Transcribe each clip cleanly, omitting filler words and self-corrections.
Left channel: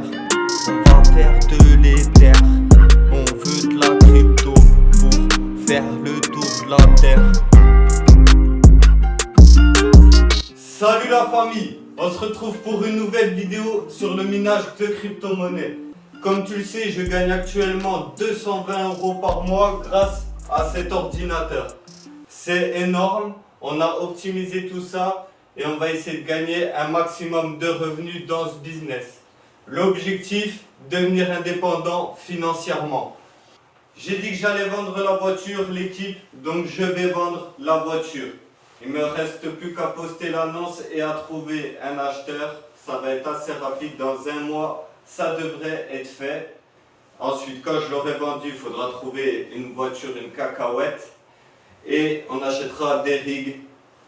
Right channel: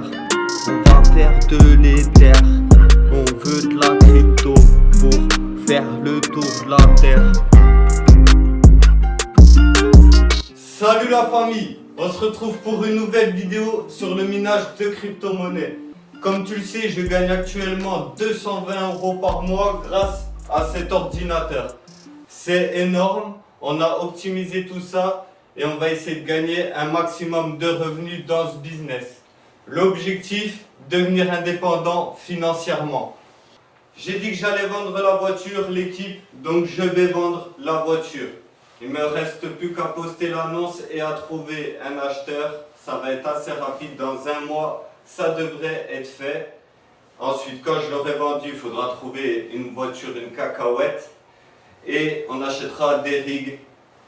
l'Ether. On va faire de l'Ether. On veut de la crypto pour faire le tour de la terre. Salut la famille, on se retrouve pour une nouvelle vidéo sur le minage de crypto-monnaies. Comme tu le sais, je gagne actuellement 220 € par mois grâce à cet ordinateur. C'est énorme, on a optimisé tout ça et on va essayer de gagner un maximum de revenus dans ce business. L'objectif, devenir indépendant financièrement. J'ai dit que j'allais vendre la voiture, l'équipe, donc je vais vendre la voiture. Il me reste plus qu'à poster l'annonce et à trouver un acheteur. Ça va être assez rapide, dans un mois, ça devrait être fait. Ensuite, quand je l'aurai vendu, il faudra trouver une voiture, une cacahuète. Et on achètera des rigs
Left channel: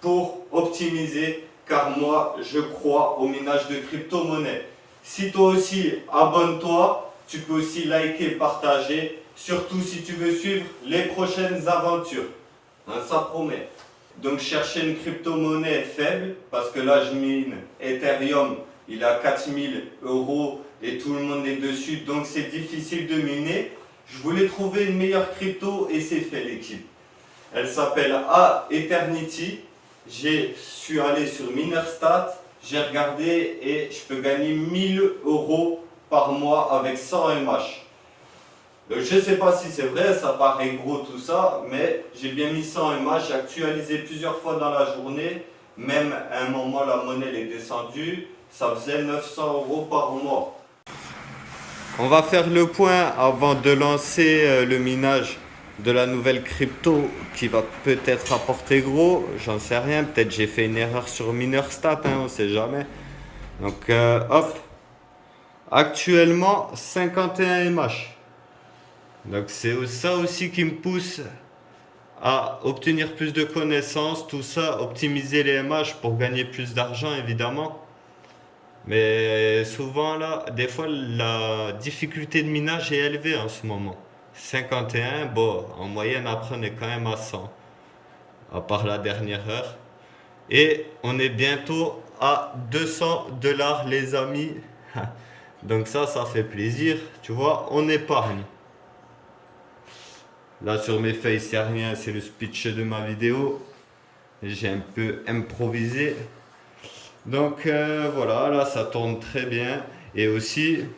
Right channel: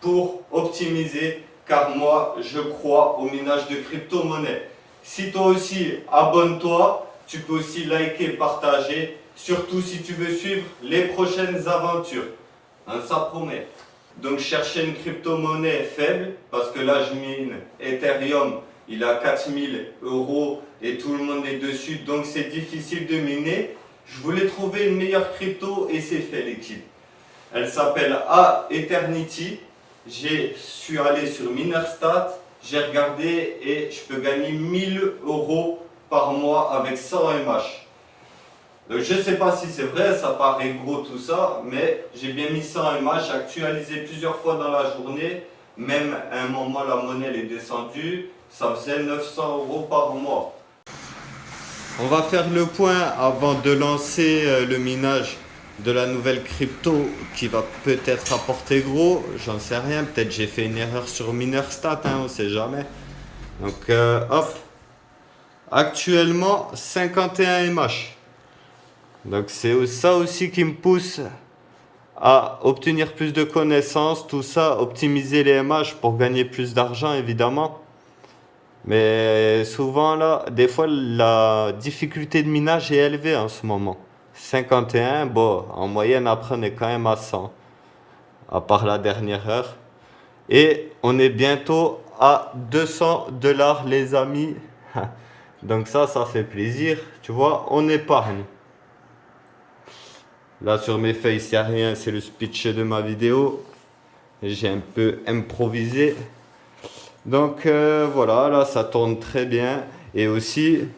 pour optimiser, car moi, je crois au minage de crypto-monnaies. Si toi aussi, abonne-toi, tu peux aussi liker, partager, surtout si tu veux suivre les prochaines aventures. Hein, ça promet. Donc chercher une crypto-monnaie faible, parce que là je mine Ethereum, il a 4000 € et tout le monde est dessus, donc c'est difficile de miner. Je voulais trouver une meilleure crypto et c'est fait l'équipe. Elle s'appelle Aeternity. Je suis allé sur Minerstat, j'ai regardé et je peux gagner 1000 € par mois avec 100 MH. Donc, je ne sais pas si c'est vrai, ça paraît gros tout ça, mais j'ai bien mis 100 MH, actualisé plusieurs fois dans la journée. Même à un moment, la monnaie elle est descendue, ça faisait 900 € par mois. On va faire le point avant de lancer le minage de la nouvelle crypto qui va peut-être apporter gros, j'en sais rien, peut-être j'ai fait une erreur sur Minerstat, hein, on ne sait jamais. Donc hop, actuellement 51 MH. Donc c'est ça aussi qui me pousse à obtenir plus de connaissances, tout ça, optimiser les MH pour gagner plus d'argent évidemment. Mais souvent là, des fois la difficulté de minage est élevée en ce moment. 51, bon, en moyenne après on est quand même à 100, à part la dernière heure. Et on est bientôt à 200 $ les amis. Donc ça fait plaisir, tu vois, on épargne. Là sur mes feuilles, il n'y a rien, c'est le speech de ma vidéo. J'ai un peu improvisé. Donc voilà, là ça tourne très bien. Et aussi,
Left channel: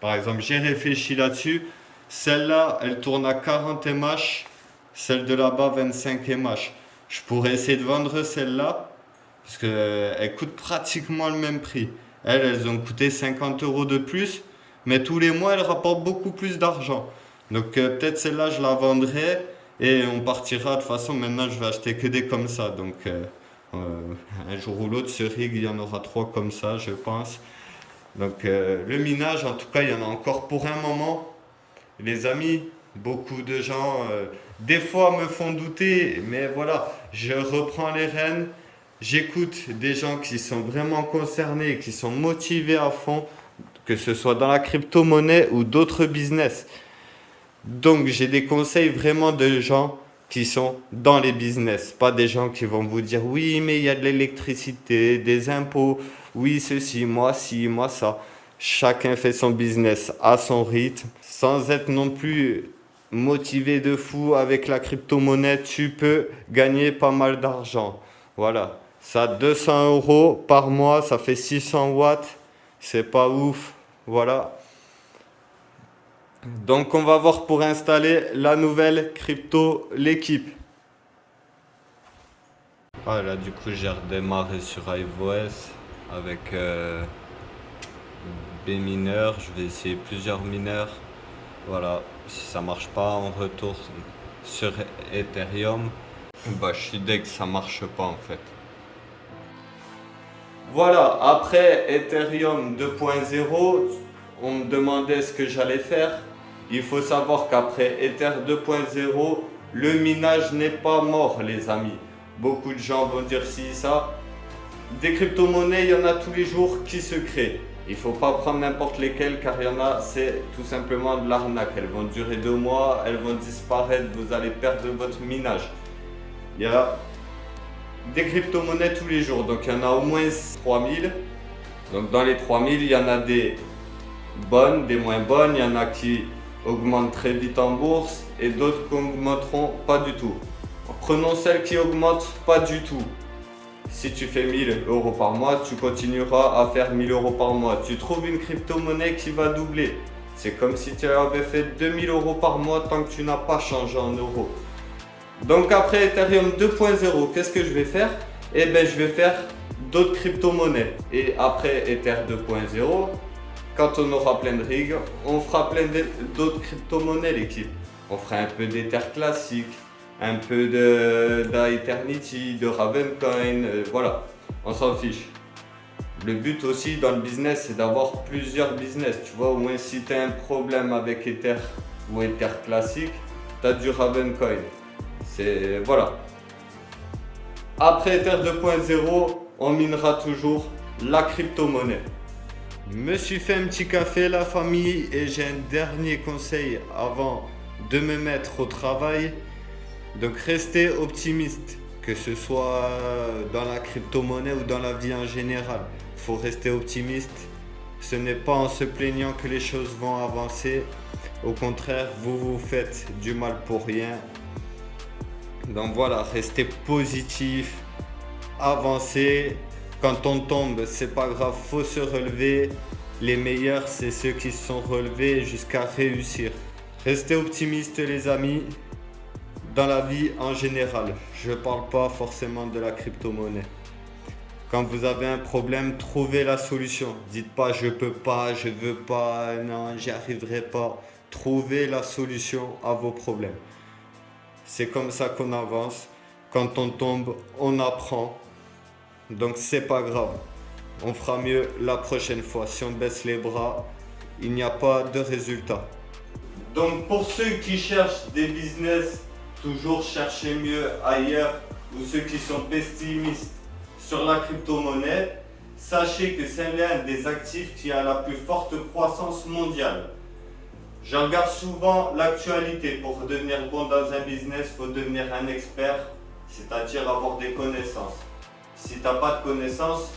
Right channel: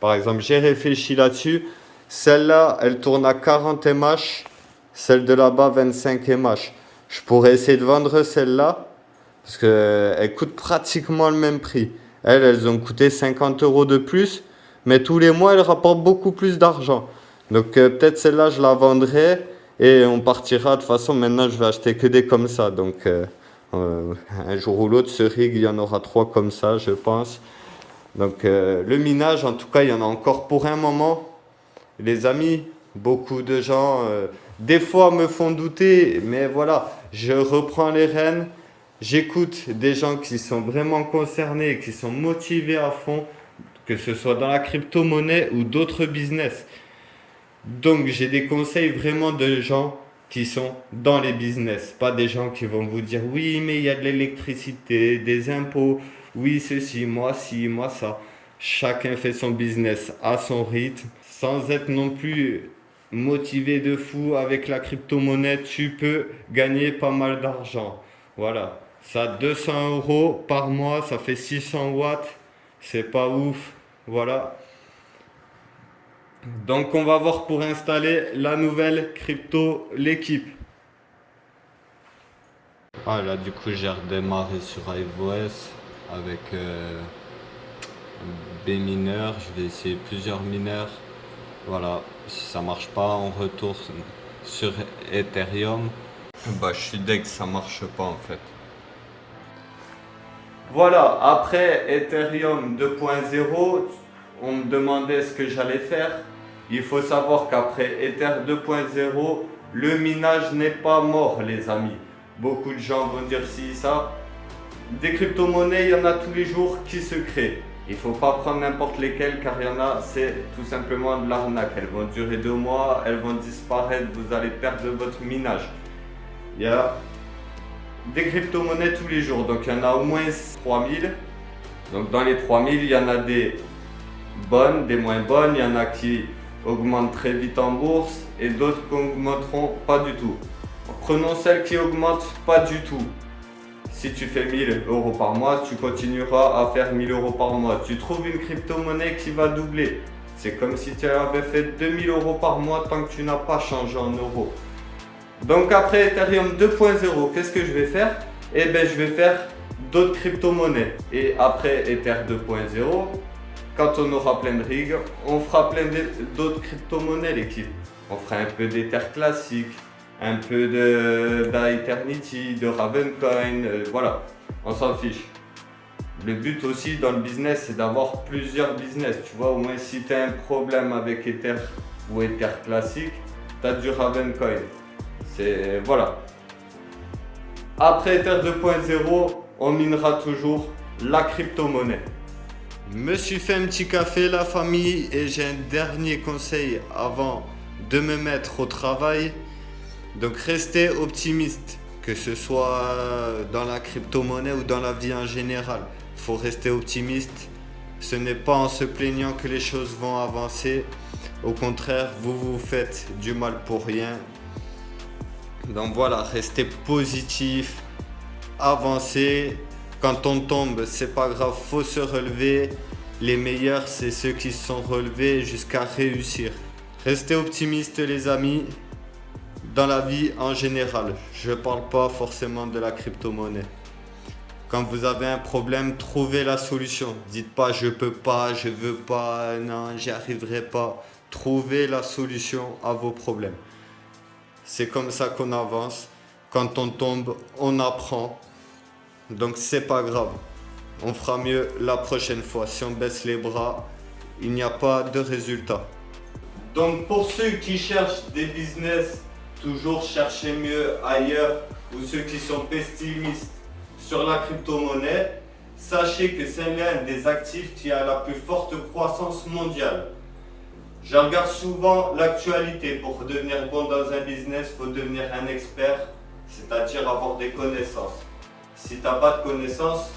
par exemple, j'ai réfléchi là-dessus. Celle-là, elle tourne à 40 MH. Celle de là-bas, 25 MH. Je pourrais essayer de vendre celle-là. Parce qu'elle coûte pratiquement le même prix. Elles ont coûté 50 € de plus. Mais tous les mois, elles rapportent beaucoup plus d'argent. Donc peut-être celle-là je la vendrai et on partira. De toute façon maintenant je vais acheter que des comme ça. Donc un jour ou l'autre ce rig il y en aura 3 comme ça je pense. Donc le minage en tout cas il y en a encore pour un moment. Les amis, beaucoup de gens des fois me font douter. Mais voilà, je reprends les rênes. J'écoute des gens qui sont vraiment concernés, qui sont motivés à fond. Que ce soit dans la crypto-monnaie ou d'autres business. Donc j'ai des conseils vraiment de gens qui sont dans les business, pas des gens qui vont vous dire oui mais il y a de l'électricité, des impôts, oui ceci, moi ça. Chacun fait son business à son rythme, sans être non plus motivé de fou. Avec la crypto-monnaie, tu peux gagner pas mal d'argent. Voilà, ça 200 € par mois, ça fait 600 watts, c'est pas ouf, voilà. Donc on va voir pour installer la nouvelle crypto, l'équipe. Ah là du coup j'ai redémarré sur iOS avec Bminer. Je vais essayer plusieurs mineurs. Voilà, si ça marche pas on retourne sur Ethereum. Bah je suis deg, ça marche pas en fait. Voilà, après Ethereum 2.0, on me demandait ce que j'allais faire. Il faut savoir qu'après Ether 2.0, le minage n'est pas mort, les amis. Beaucoup de gens vont dire si, ça. Des crypto-monnaies, il y en a tous les jours qui se créent. Il ne faut pas prendre n'importe lesquelles, car il y en a, c'est tout simplement de l'arnaque. Elles vont durer 2 mois, elles vont disparaître, vous allez perdre votre minage. Il y a des crypto-monnaies tous les jours, donc il y en a au moins 3000. Donc dans les 3000, il y en a des bonnes, des moins bonnes. Il y en a qui augmentent très vite en bourse et d'autres qui n'augmenteront pas du tout. Prenons celles qui augmentent pas du tout. Si tu fais 1000 euros par mois, tu continueras à faire 1000 euros par mois. Tu trouves une crypto-monnaie qui va doubler. C'est comme si tu avais fait 2000 euros par mois tant que tu n'as pas changé en euros. Donc après Ethereum 2.0, qu'est-ce que je vais faire? Eh bien, je vais faire d'autres crypto-monnaies. Et après Ether 2.0, quand on aura plein de rigs, on fera plein d'autres crypto-monnaies, l'équipe. On fera un peu d'Ether classique, un peu d'Eternity, de Ravencoin, voilà, on s'en fiche. Le but aussi dans le business, c'est d'avoir plusieurs business. Tu vois, au moins si tu as un problème avec Ether ou Ether classique, tu as du Ravencoin. C'est voilà. Après Ether 2.0, on minera toujours la crypto-monnaie. Me suis fait un petit café, la famille, et j'ai un dernier conseil avant de me mettre au travail. Donc restez optimiste, que ce soit dans la crypto-monnaie ou dans la vie en général. Il faut rester optimiste. Ce n'est pas en se plaignant que les choses vont avancer. Au contraire, vous vous faites du mal pour rien. Donc voilà, restez positif, avancez. Quand on tombe, c'est pas grave, faut se relever. Les meilleurs, c'est ceux qui se sont relevés jusqu'à réussir. Restez optimistes, les amis. Dans la vie en général, je ne parle pas forcément de la crypto-monnaie. Quand vous avez un problème, trouvez la solution. Dites pas je peux pas, je veux pas, non, j'y arriverai pas. Trouvez la solution à vos problèmes. C'est comme ça qu'on avance. Quand on tombe, on apprend. Donc c'est pas grave. On fera mieux la prochaine fois. Si on baisse les bras, il n'y a pas de résultat. Donc pour ceux qui cherchent des business, toujours chercher mieux ailleurs, ou ceux qui sont pessimistes sur la crypto-monnaie, sachez que c'est l'un des actifs qui a la plus forte croissance mondiale. Je regarde souvent l'actualité. Pour devenir bon dans un business, il faut devenir un expert, c'est-à-dire avoir des connaissances. Si tu n'as pas de connaissances,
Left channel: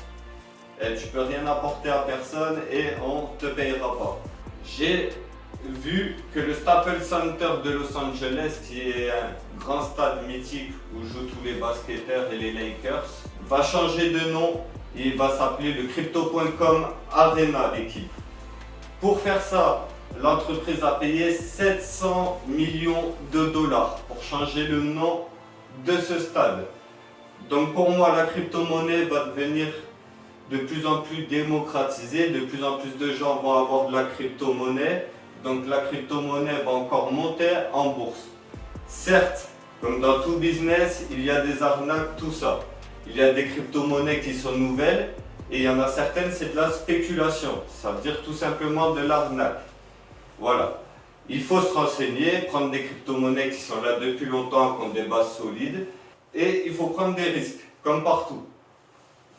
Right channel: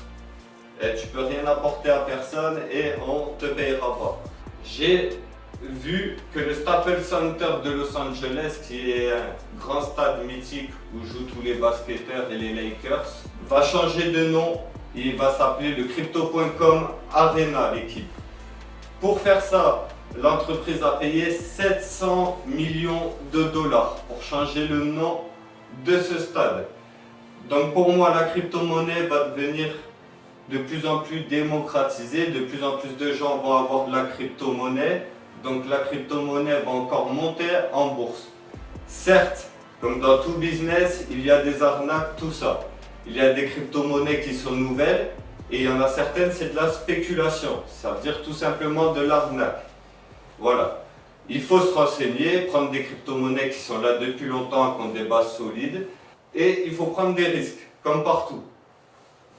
tu peux rien apporter à personne et on ne te payera pas. J'ai vu que le Staples Center de Los Angeles, qui est un grand stade mythique où jouent tous les basketteurs et les Lakers, va changer de nom. Il va s'appeler le Crypto.com Arena, l'équipe. Pour faire ça, l'entreprise a payé 700 millions de dollars pour changer le nom de ce stade. Donc pour moi, la crypto-monnaie va devenir de plus en plus démocratisée, de plus en plus de gens vont avoir de la crypto-monnaie. Donc la crypto-monnaie va encore monter en bourse. Certes, comme dans tout business, il y a des arnaques, tout ça. Il y a des crypto-monnaies qui sont nouvelles et il y en a certaines, c'est de la spéculation. Ça veut dire tout simplement de l'arnaque. Voilà. Il faut se renseigner, prendre des crypto-monnaies qui sont là depuis longtemps, qui ont des bases solides. Et il faut prendre des risques, comme partout.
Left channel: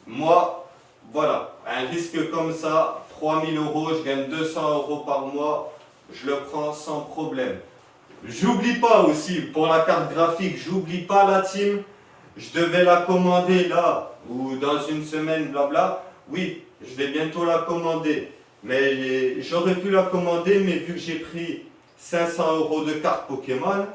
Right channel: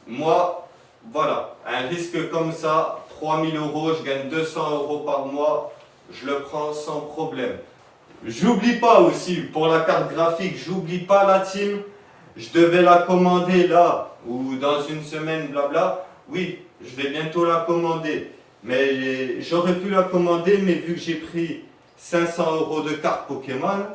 Moi, voilà, un risque comme ça, 3000 euros, je gagne 200 euros par mois, je le prends sans problème. J'oublie pas aussi, pour la carte graphique, j'oublie pas la team. Je devais la commander là, ou dans une semaine, blabla. Oui, je vais bientôt la commander. Mais j'aurais pu la commander, mais vu que j'ai pris 500 euros de carte Pokémon,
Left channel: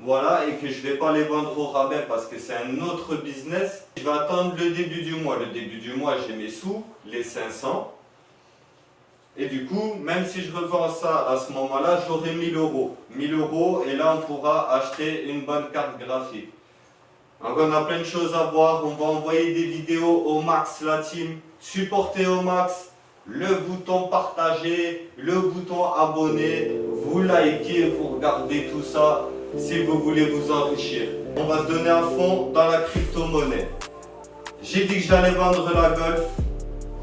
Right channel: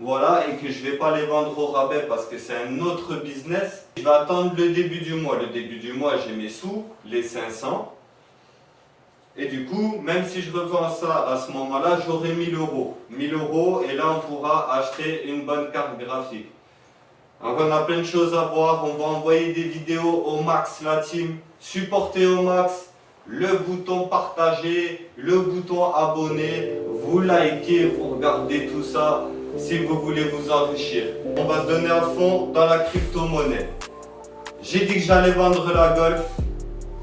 voilà, et que je ne vais pas les vendre au rabais parce que c'est un autre business, je vais attendre le début du mois. Le début du mois, j'ai mes sous, les 500. Et du coup, même si je revends ça à ce moment-là, j'aurai 1000 euros. 1000 euros, et là, on pourra acheter une bonne carte graphique. Donc, on a plein de choses à voir. On va envoyer des vidéos au max, la team. Supportez au max. Le bouton partager, le bouton abonner. Vous likez, vous regardez tout ça si vous voulez vous enrichir. On va se donner à fond dans la crypto-monnaie. J'ai dit que j'allais vendre la Golf.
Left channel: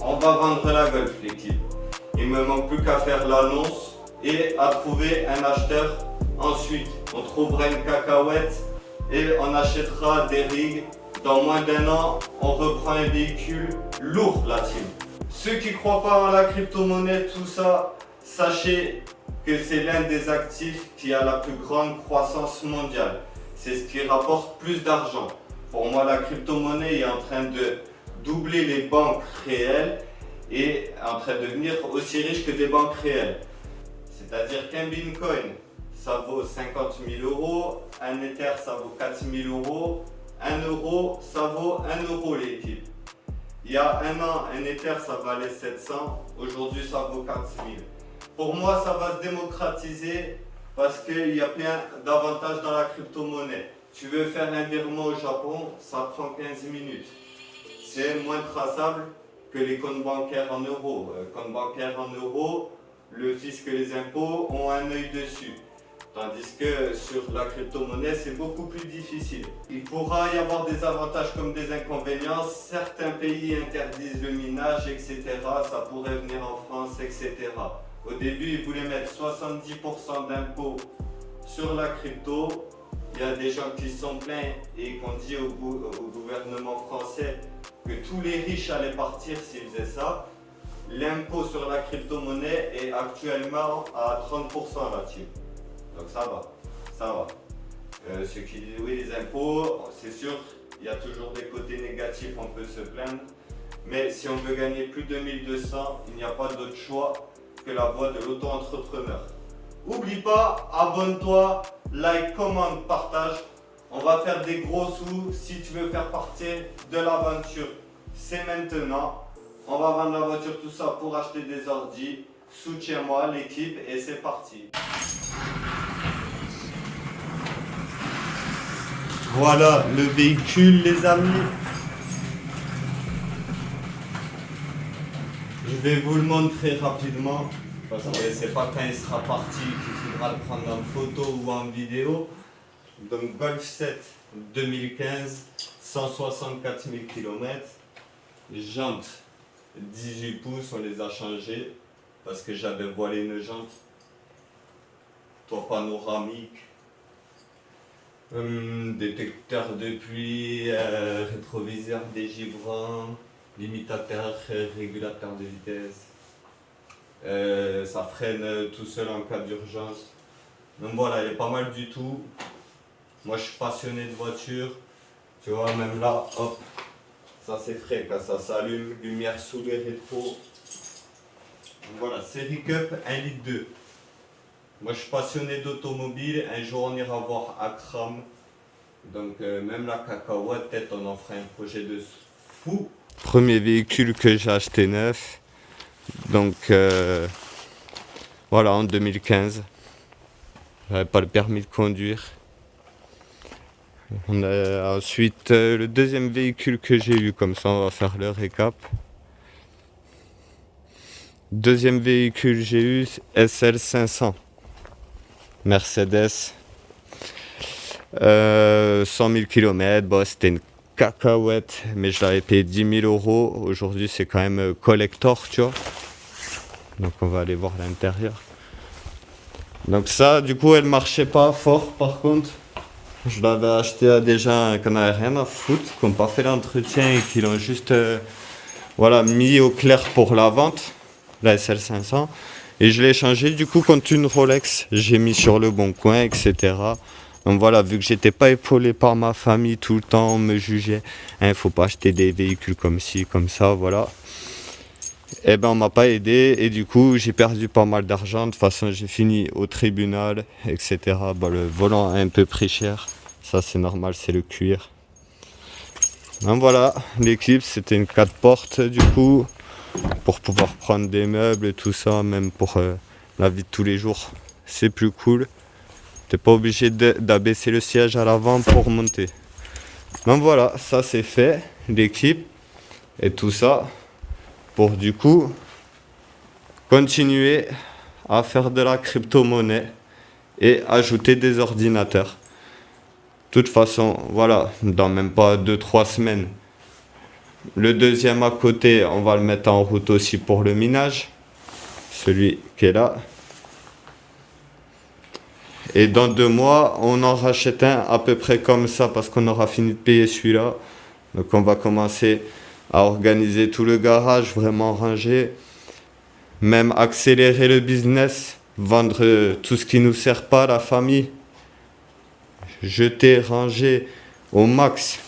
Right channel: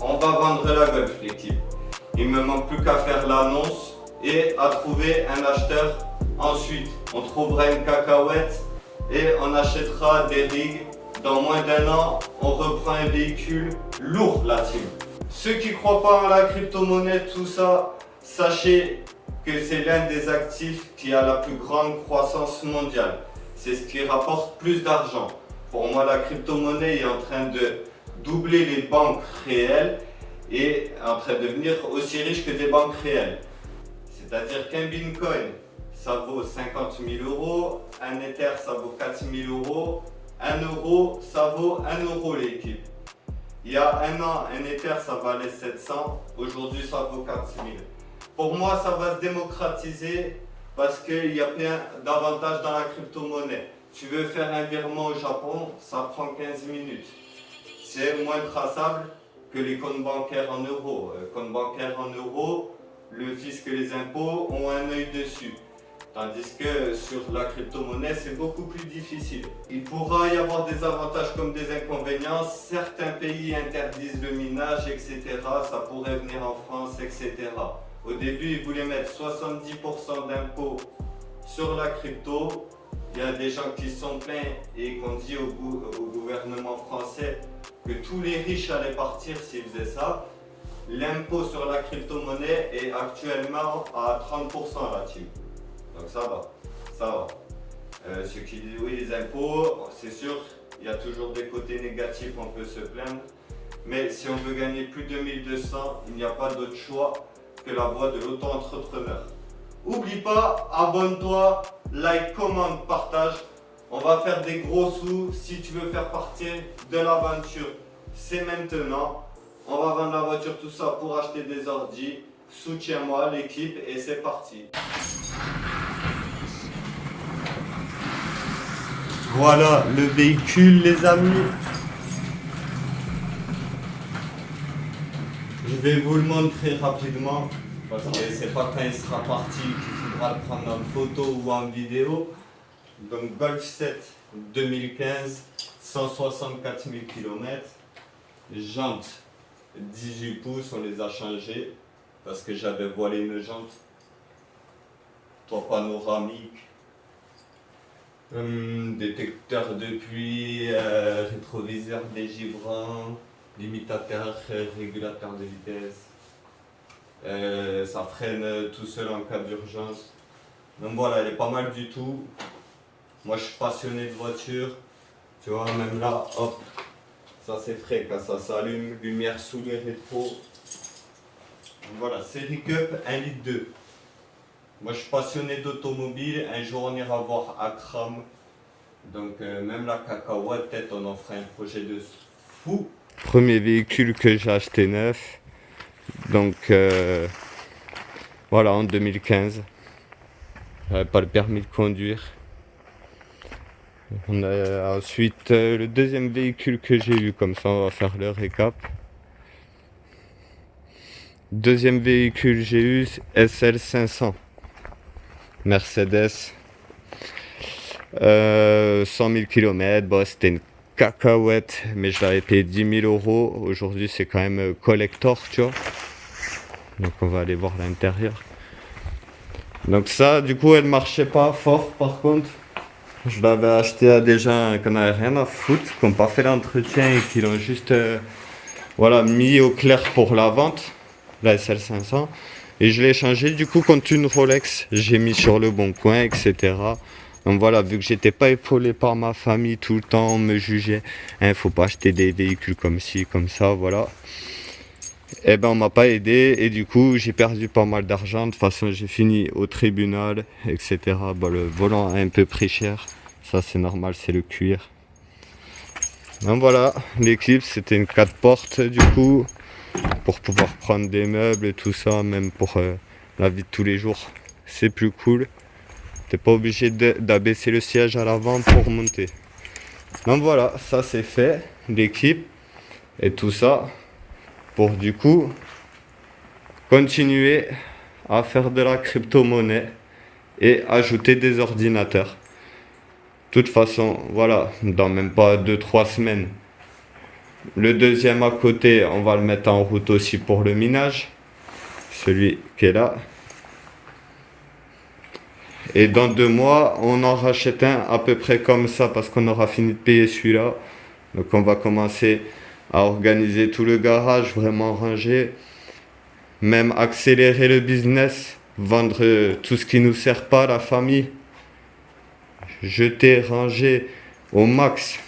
On va vendre la Golf, l'équipe. Il ne me manque plus qu'à faire l'annonce et à trouver un acheteur. Ensuite, on trouvera une cacahuète et on achètera des rigs. Dans moins d'un an, on reprend un véhicule lourd, la team. Ceux qui ne croient pas en la crypto-monnaie, tout ça, sachez que c'est l'un des actifs qui a la plus grande croissance mondiale. C'est ce qui rapporte plus d'argent. Pour moi, la crypto-monnaie est en train de doubler les banques réelles est en train de devenir aussi riche que des banques réelles. C'est-à-dire qu'un Bitcoin, ça vaut 50 000 euros, un Ether, ça vaut 4 000 euros, un euro, ça vaut 1 euro l'équipe. Il y a un an, un Ether, ça valait 700, aujourd'hui, ça vaut 4 000. Pour moi, ça va se démocratiser parce qu'il y a plein d'avantages dans la crypto-monnaie. Tu veux faire un virement au Japon, ça prend 15 minutes. C'est moins traçable que les comptes bancaires en euros. Comptes bancaires en euros, le fisc et les impôts ont un œil dessus. Tandis que sur la crypto-monnaie, c'est beaucoup plus difficile. Il pourra y avoir des avantages comme des inconvénients. Certains pays interdisent le minage, etc. Ça pourrait venir en France, etc. Au début, ils voulaient mettre 70% d'impôts sur la crypto. Il y a des gens qui sont plaints et qu'on dit au gouvernement français que tous les riches allaient partir s'ils faisaient ça. L'impôt sur la crypto-monnaie est actuellement à 30% là-dessus. Donc ça va, ça va. Ceux qui disent oui, les impôts, c'est sûr, il y a toujours des côtés négatifs, on peut se plaindre. Mais si on veut gagner plus de 1200, il n'y a pas d'autre choix que la voie de l'auto-entrepreneur. Oublie pas, abonne-toi, like, commente, partage. On va faire des gros sous. Si tu veux faire partie de l'aventure, c'est maintenant. On va vendre la voiture, tout ça pour acheter des ordis. Soutiens-moi, l'équipe, et c'est parti. Voilà le véhicule, les amis. Je vais vous le montrer rapidement parce que c'est pas quand il sera parti qu'il faudra le prendre en photo ou en vidéo. Donc Golf 7 2015, 164 000 km. Jantes 18 pouces, on les a changées parce que j'avais voilé une jante. Toit panoramique. Détecteur de pluie, rétroviseur dégivrant, limitateur, régulateur de vitesse. Ça freine tout seul en cas d'urgence. Donc voilà, elle est pas mal du tout. Moi je suis passionné de voiture. Tu vois, même là, hop, ça c'est frais quand ça s'allume. Lumière sous le rétro. Donc voilà, série Cup 1,2 litre. Moi je suis passionné d'automobile, un jour on ira voir Akram, donc même la cacahuète, peut-être on en fera un projet de fou. Premier véhicule que j'ai acheté neuf, donc voilà en 2015, j'avais pas le permis de conduire. On a ensuite le deuxième véhicule que j'ai eu, comme ça on va faire le récap. Deuxième véhicule j'ai eu SL 500. Mercedes, 100 000 km, bon, c'était une cacahuète, mais je l'avais payé 10 000 euros. Aujourd'hui, c'est quand même collector, tu vois. Donc, on va aller voir l'intérieur. Donc, ça, du coup, elle marchait pas fort, par contre. Je l'avais acheté à des gens qui n'avaient rien à foutre, qui n'ont pas fait l'entretien et qui l'ont juste voilà, mis au clair pour la vente, la SL500. Et je l'ai changé du coup contre une Rolex, j'ai mis sur le bon coin, etc. Donc voilà, vu que j'étais pas épaulé par ma famille tout le temps, on me jugeait, hein, faut pas acheter des véhicules comme ci, comme ça, voilà. Et ben on m'a pas aidé et du coup j'ai perdu pas mal d'argent, de toute façon j'ai fini au tribunal, etc. Bon, le volant a un peu pris cher, ça c'est normal, c'est le cuir. Donc voilà, l'équipe c'était une 4 portes du coup. Pour pouvoir prendre des meubles et tout ça, même pour la vie de tous les jours, c'est plus cool. T'es pas obligé d'abaisser le siège à l'avant pour monter. Donc voilà, ça c'est fait, l'équipe et tout ça pour du coup continuer à faire de la crypto-monnaie et ajouter des ordinateurs. De toute façon, voilà, dans même pas 2-3 semaines. Le deuxième à côté, on va le mettre en route aussi pour le minage. Celui qui est là. Et dans 2 mois, on en rachète un à peu près comme ça parce qu'on aura fini de payer celui-là. Donc on va commencer à organiser tout le garage, vraiment ranger. Même accélérer le business, vendre tout ce qui nous sert pas à la famille. Jeter, ranger au max.